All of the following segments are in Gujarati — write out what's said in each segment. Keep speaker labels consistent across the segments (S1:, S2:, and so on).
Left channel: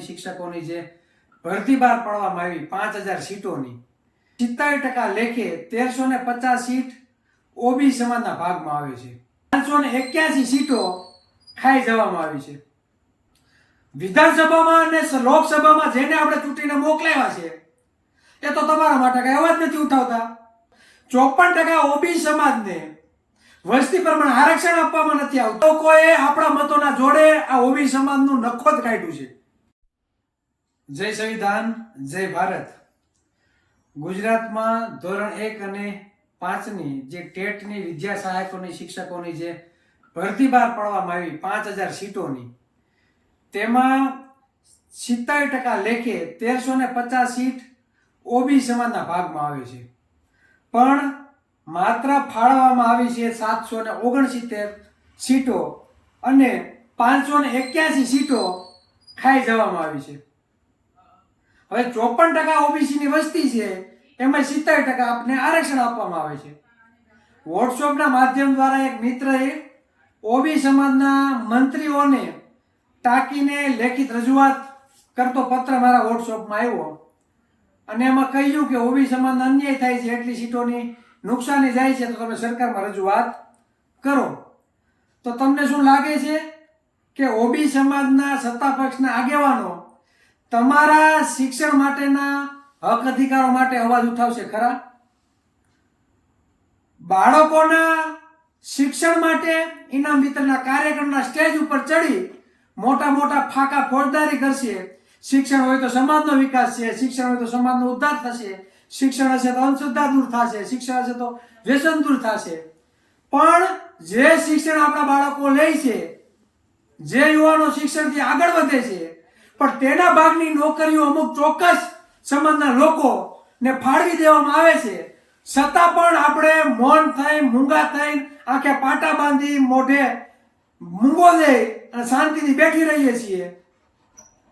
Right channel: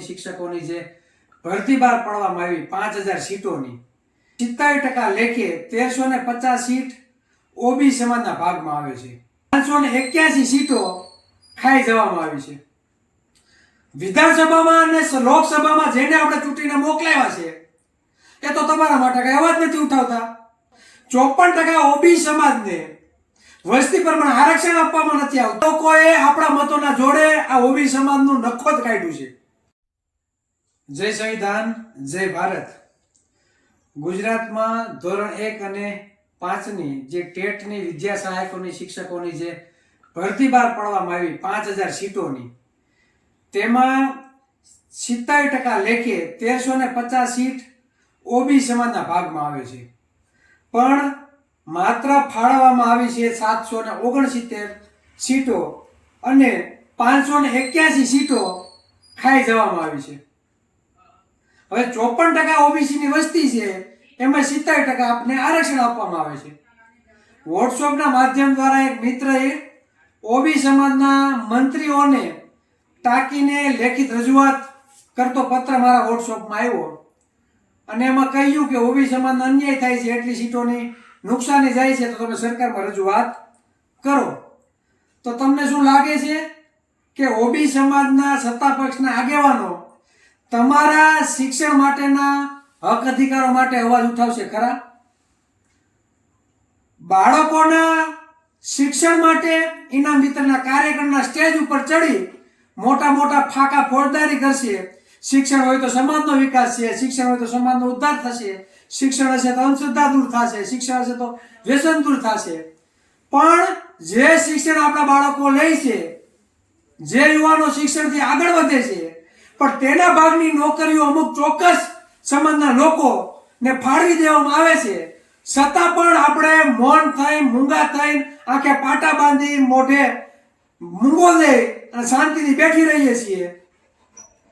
S1: શિક્ષકોની જે ભરતી બહાર પાડવામાં આવી, પાંચ હજાર સીટોની સિત્તાવીસ ટકા લેખે તેરસો ને પચાસ સીટ ઓબી સમાજના ભાગમાં આવે છે. પાંચસો ને એક્યાસી સીટો ખાઈ જવામાં આવી છે. વિધાનસભામાં અને લોકસભામાં જેને આપણે ચૂંટીને મોકલાવ્યા છે, એ તો તમારા માટે કઈ અવાજ નથી ઉઠાવતા. ચોપન ટકા ઓબી સમાજને વસ્તી પ્રમાણે આરક્ષણ આપવામાં નથી આવતું. લોકોએ આપણા મતોના જોડે આ ઓબી સમાજનું નખોદ કાઢ્યું છે. જય સંવિધાન, જય ભારત. ગુજરાતમાં ધોરણ એક અને પાંચની જે ટેટની વિદ્યા સહાયકોની, શિક્ષકોની જે ભરતી બહાર પાડવામાં આવી પાંચ હજાર સીટોની, તેમાં સિત્તેર ટકા લેખે તેરસો ને પચાસ સીટ ઓબી સમાજના ભાગમાં આવે છે. પણ માત્ર ફાળવવામાં આવી છે સાતસો ને ઓગણસિત્તેર સીટો અને પાંચસો ને એક્યાસી સીટો ખાઈ જવામાં આવી છે. હવે ચોપન ટકા ઓબીસીની વસ્તી છે, એમાં સિત્તેર ટકા આપને આરક્ષણ આપવામાં આવે છે. વોટ્સઅપના માધ્યમ દ્વારા એક મિત્રએ ઓબી સમાજના મંત્રીઓને ટાંકીને લેખિત રજૂઆત કરતો પત્ર મારા વોટ્સઅપમાં આવ્યો. અને એમાં કહ્યું કે ઓબી સમાજના અન્યાય થાય છે, એટલી સીટોની નુકસાની જાય છે, તો તમે સરકારમાં રજૂઆત કરો. તો તમને શું લાગે છે કે ઓબી સમાજના સત્તા પક્ષના આગેવાનો તમારા શિક્ષણ માટેના હક અધિકારો માટે અવાજ ઉઠાવશે, ખરા? બાળકોના શિક્ષણ માટે ઇનામ વિતરણના કાર્યક્રમના સ્ટેજ ઉપર ચડી મોટા મોટા ફાકા ફોજદારી કરશે. શિક્ષણ હોય તો સમાજનો વિકાસ છે, શિક્ષણ હોય તો સમાજનો ઉદ્ધાર થશે. શિક્ષણ હશે તો અંધશ્રદ્ધા દૂર થશે, શિક્ષણ હશે તો વ્યસન દૂર થશે. પણ જે શિક્ષણ આપણા બાળકો લે છે, જે યુવાનો શિક્ષણથી આગળ વધે છે પણ તેના ભાગની નોકરીઓ અમુક ચોક્કસ સમાજના લોકોને ફાળવી દેવામાં આવે છે. છતાં પણ આપણે મૌન થઈ મૂંગા થઈ આંખે પાટા બાંધી, મોઢે મૂંગો લઈ અને શાંતિથી બેઠી રહીએ છીએ.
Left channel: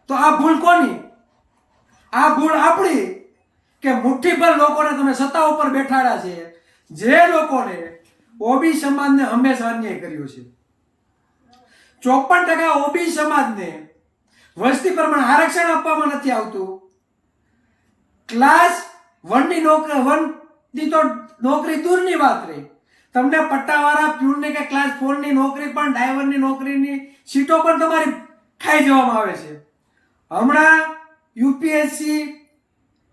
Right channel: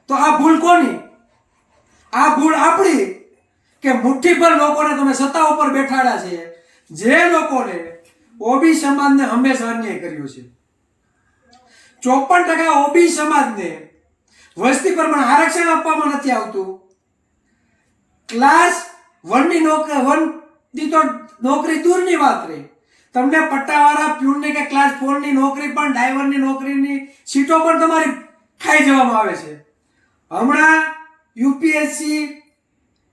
S1: તો આ ભૂલ કોની? આ ભૂલ આપણી કે મુઠ્ઠીભર લોકોને તમે સત્તા ઉપર બેઠાડા છે? જે લોકોને ઓબી સમાજને હંમેશા અન્યાય કર્યો છે. ચોપન ટકા ઓબી સમાજને વસ્તી પ્રમાણે આરક્ષણ આપવામાં નથી આવતું. ક્લાસ વનની નોકરી વનની તો નોકરી દૂરની વાત રહી. તમને પટ્ટાવાળા, પ્યુનની કે ક્લાસ ફોરની નોકરી પણ ડ્રાઈવરની નોકરીની સીટો પણ તમારી ખાઈ જવામાં આવે છે. હમણાં યુપીએસસી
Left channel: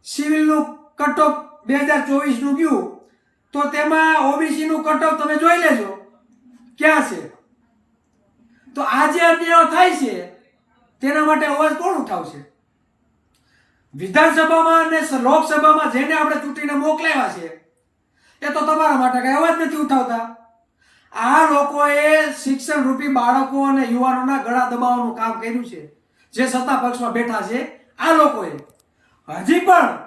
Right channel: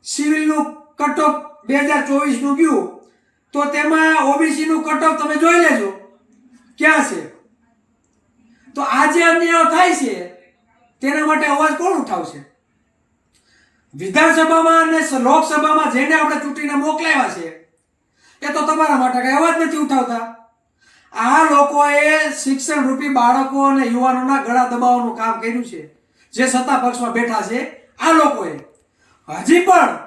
S1: સિવિલનું કટઓફ બે હજાર ચોવીસનું ગયું. તો તેમાં ઓબીસીનું કટઓફ તમે જોઈ લેજો. ક્યાં છે? તો આ જે અન્યાયો થાય છે. તેના માટે અવાજ કોણ ઉઠાવશે? વિધાનસભામાં અને લોકસભામાં જેને આપણે ચૂંટીને મોકલાવ્યા છે, એ તો તમારા માટે કઈ અવાજ નથી ઉઠાવતા. આ લોકોએ શિક્ષણ રૂપી બાળકો અને યુવાનોના ગળા દબાવવાનું કામ કર્યું છે, જે સત્તા પક્ષમાં બેઠા છે, આ લોકોએ. હજી પણ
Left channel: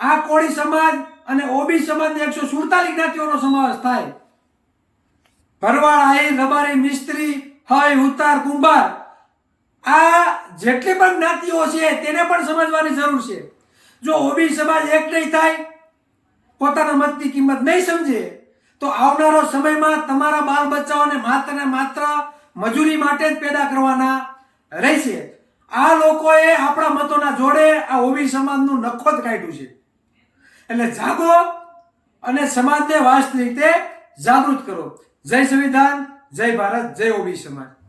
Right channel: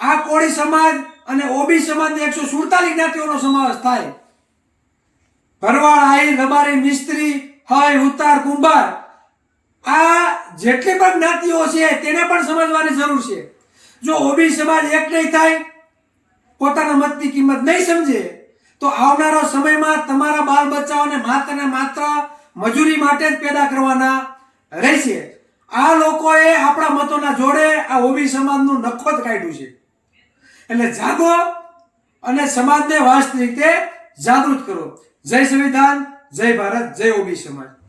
S1: આ કોળી સમાજ અને ઓબી સમાજની એકસો સુડતાલીસ જ્ઞાતિઓનો સમાવેશ થાય. ભરવાડ આઈ, રબારી, મિસ્ત્રી, હય, ઉતાર, કુંભાર આ જેટલી પણ જ્ઞાતિઓ છે, તેને પણ સમજવાની જરૂર છે. જો ઓબી સમાજ એક નહીં થાય, પોતાના મતની કિંમત નહીં સમજે, તો આવનારો સમયમાં તમારા બાળ બચ્ચાઓને માત્ર ને માત્ર મજૂરી માટે જ પેદા કરવાના રહેશે. આ લોકોએ આપણા મતોના જોડે આ ઓબી સમાજનું નખોત કાઢ્યું છે. એટલે જાગો અને સમાજને વાસ્તવિક રીતે જાગૃત કરો. જય સંવિધાન, જય ભારત, જય ઓબી સમાજ.